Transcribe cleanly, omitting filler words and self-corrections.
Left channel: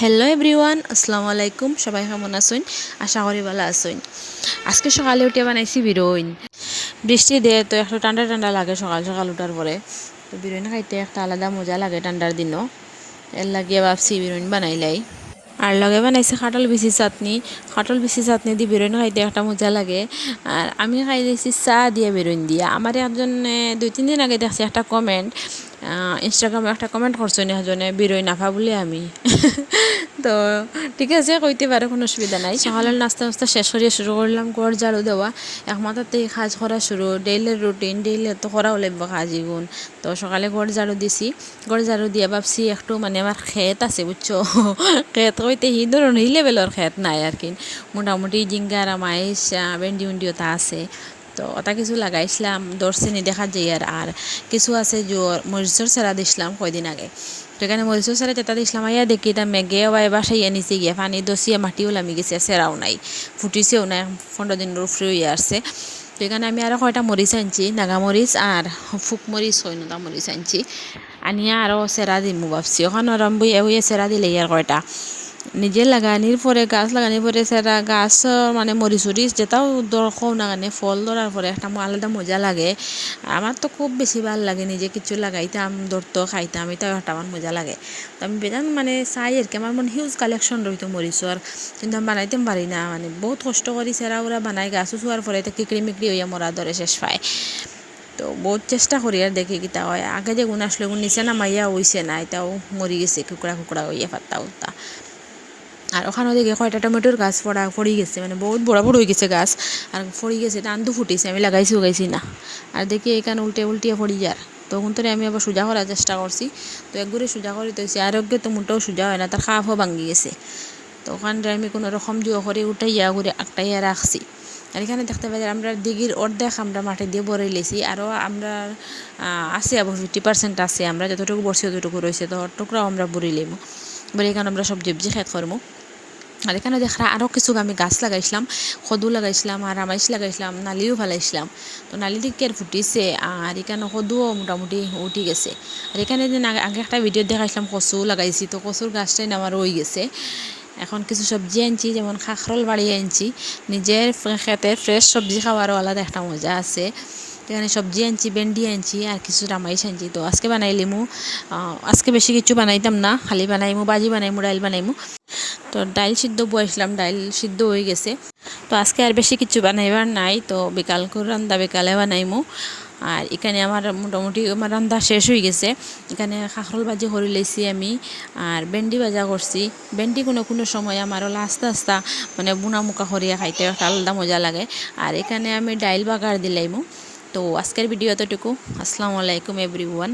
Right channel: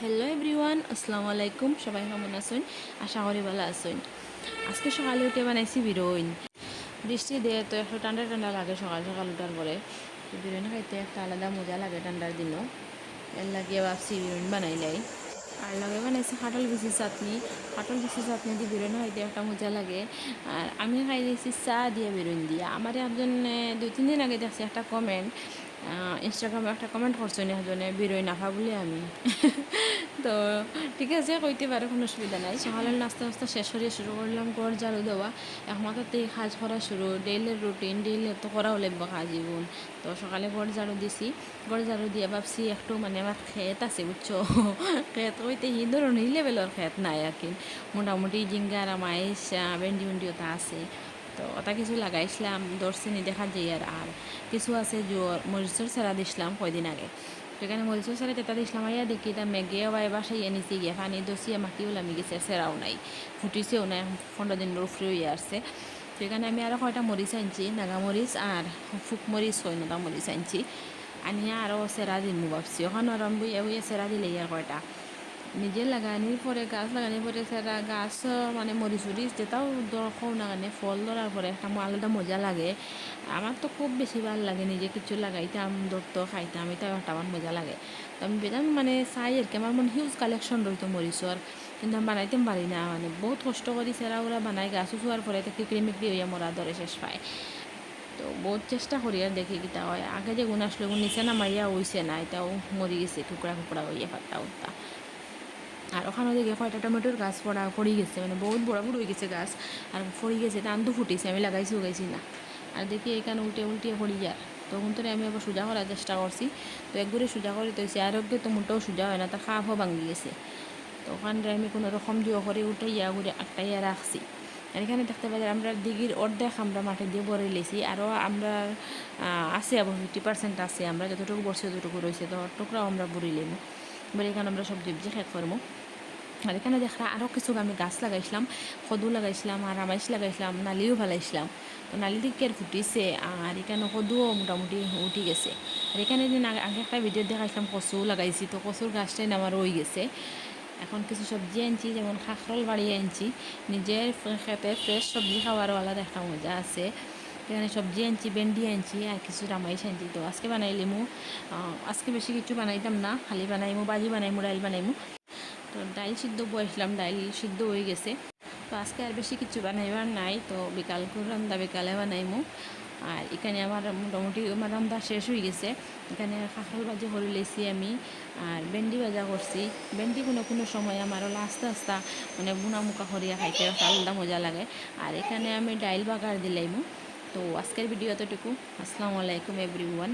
Hello everyone, আসসালামু আলাইকুম। সবাই কেমন আছেন? আশা করি ভালো আছেন। আজকে সকালে উঠে বানাইছি বিরিয়ানি। বৃষ্টি দিয়ে তো একটু ঠান্ডা ঠান্ডা লাগে সকাল সকাল উঠার পরে। তো বিরিয়ানি খাইতে একটা আলাদা মজা লাগে ঠান্ডার দিনও। এর লাগিয়ে ভাবছি বিরিয়ানি বানাইলাই। আর লগে বানাইছে কাঁঠাল বিচি চাটনি। কাঁঠাল বিচি চাটনি দিয়ে বিরিয়ানি খাইতে একটা মজা লাগে। আর আমি খাই দিয়েছি চা দিয়ে বিরিয়ানি দিয়ে। আমার একজন 2-3 দিন আগে দেখছি একটা কমেন্ট, ইনস্টাগ্রামে একটা কমেন্ট করছেন একজনে বিরই নাফা বলে আমি। তো ঠিক আছে, কইতে পারে, কোনো অসুবিধা নাই। সকালের নাস্তা নাস্তা শেষ করিয়ে শুরু করলাম ঘর ঝাড়ু দেওয়া। একমাত্রতেই কাজ করা শুরু, ডেইলির রুটিন, ডেইলি তো করাও লাগবে কাজ এগুন। তো সকালে ঘর ঝাড়ু দিছি। ঘর ঝাড়ু দিয়ে ভাবছি একটু আমার ক্ষেত আছে বুঝছো। ক্ষেত কইতে এই ধরনের এই লেভেলের ক্ষেত নাই আর কি, মোটামুটি জিঙ্গার মাইস ভেন্ডি উন্ডি ওটা আছে। তো ওটা কিছু লাগাইছিলাম, দর্শিনী দেখা যায়। আর কিছু আছে জোর মরিচর সেরা দিছিলাম কয়দিন আগে। তো এখানে মরিচর সেরা যেটা দিছিলাম আইয়া দেখি এটা মেঘে বা বাসাইয়া নিচে গিয়ে পানি দসিয়া মাটিও লামি গেছে, সেরাও নাই, ফুটিছেও না, 15 দিনের উপরে হইয়া আসছে। তো এখানে আমি আরও কয়টা মরিচ আনছি, নাগামরিচ আর ফুক মরিচ হয় না মরিচ আনছি, আনিয়া আরও সেরা দিমু ভাবছি। ওখানে আরাম বইয়া হইয়া সেরা দিলে আর কয়টা নিজে লাগানির পরে গাছ লাগানির পরে সেটা গাছ মরিচ উরিচ যেটাও দরকার না কানে ফল ধরার পরে একটা আলাদা মজা লাগে। আমার তো খুব বেশি ভালো লাগে নিজে কিছু লাগাইতাম, ধরতো খাইতাম, এটাও একটা আমার মজা লাগে। তো আমি বেদান চাই আর কি, আমার হিউজ কালেকশন রইতো মরিচর, কিন্তু আমি বানাইতে পারি না, বহুত কষ্ট করি সেরা ওরা বানাই, গাছ উঠোয়ার পরে এটা কিকড়ি মিকড়ি হইয়া মরা ধরে শেষ পায়। তো বহুত চেষ্টা করি আর দেখি কিতা হয়। আগে যে গুণ আসলে নিচে নামাইয়া হইছে না, এটাও মরি গেছে কুকড়া কুকড়া হইয়া পাত্তা উত্তা। আর ওখানে দেখে কয়টা টমেটোর গাছ পড়ি গেছে, বহুত বড় বড় হয়ে গেছে গাছ, আর পড়ি গেছে, টান্দু ফুটিছে, আমি লাগাইছি উগাইছি না। আর দেখি এখানে উল্টিয়ে পড়ি যার, তখন তো আমি আবার সোজা করার চেষ্টা করছি। তো একবারে সোজা করে দিয়েছি, আরোগ্যে তো মোটেও সোজা হয় না, তার খাফও ভাঙি গেছে। তো ওখানটা আমি কোনো রকম জুয়ো করে উঠাইয়া ঘুরে আঁকটাইয়া রাখছি। আর এখানে দেখতে পাই আমরা দিঘির অর্ধেক আমরা মাটি দিয়ে ভরে লেছি, আরও আমরা আছে আবার 50% আছে, আমরা যতটুকু বসছি ততটুকু রয়েছে, তো টুকরাও আমরা বুড়ি লেব বলে এখানে আমরা সবজি খেত করবো। আর এখানে দেখা আরও কিছু আমি গাছ লাগাইছিলাম, কদু লাগাইছিলাম, আর রামাইশ লাগাইছিলাম, নালিও ফেলাইছিলাম। তো নালি দিকে আর ফুটিছে, আর এখানে কদুও মোটামুটি উঠি গেছে। আর এখানে দিন আগে একটা ভিডিও দেখাইছিলাম কচু লাগাইছি, তো কচুর গাছটাই আমার রয়ে গেছে। এখন কিছু সবজি আনছি, যেমন কাঁকরোল বাড়িয়ে আনছি, নিজের খেতে ফ্রেশ সবজি খাওয়ারও আলাদা একটা মজা আছে। এখানে সবজি আনছি, ভেন্ডি আনছি, আর কিছু রামাইশ আনছি। তো আজকে বানাইলিমু, আজকে বেশি কিছু বানাইতাম না, খালি বানাইমু ভাজি বানাইমু, ডাইল বানাইমু। তো ডাইল সিদ্ধ বসাইছিলাম, ডাইল সিদ্ধ হয়ে গেছে। তো আজকে আর বেশি কিছু বানাইবার নাই, তো বিকাল করে রান্না বিকালে বানাইমু। আর এখানে আমার মোটামুটি আমার রান্না শেষ হয়ে গেছে। এখানে কাঁকরোল ভাজি করে লেছি আমি, আর ভেন্ডি ভাজা করছি। ভেন্ডি কোনো সময় আমারও আস্তে আস্তে বুনা মুখা করিয়া খাইতে একটা আলাদা মজা লাগে। আর এখানে আমি ডাইল বাগার দিলাইমু। তো আজকের ভিডিও এতটুকু। আসসালামু আলাইকুম এভরিওয়ান।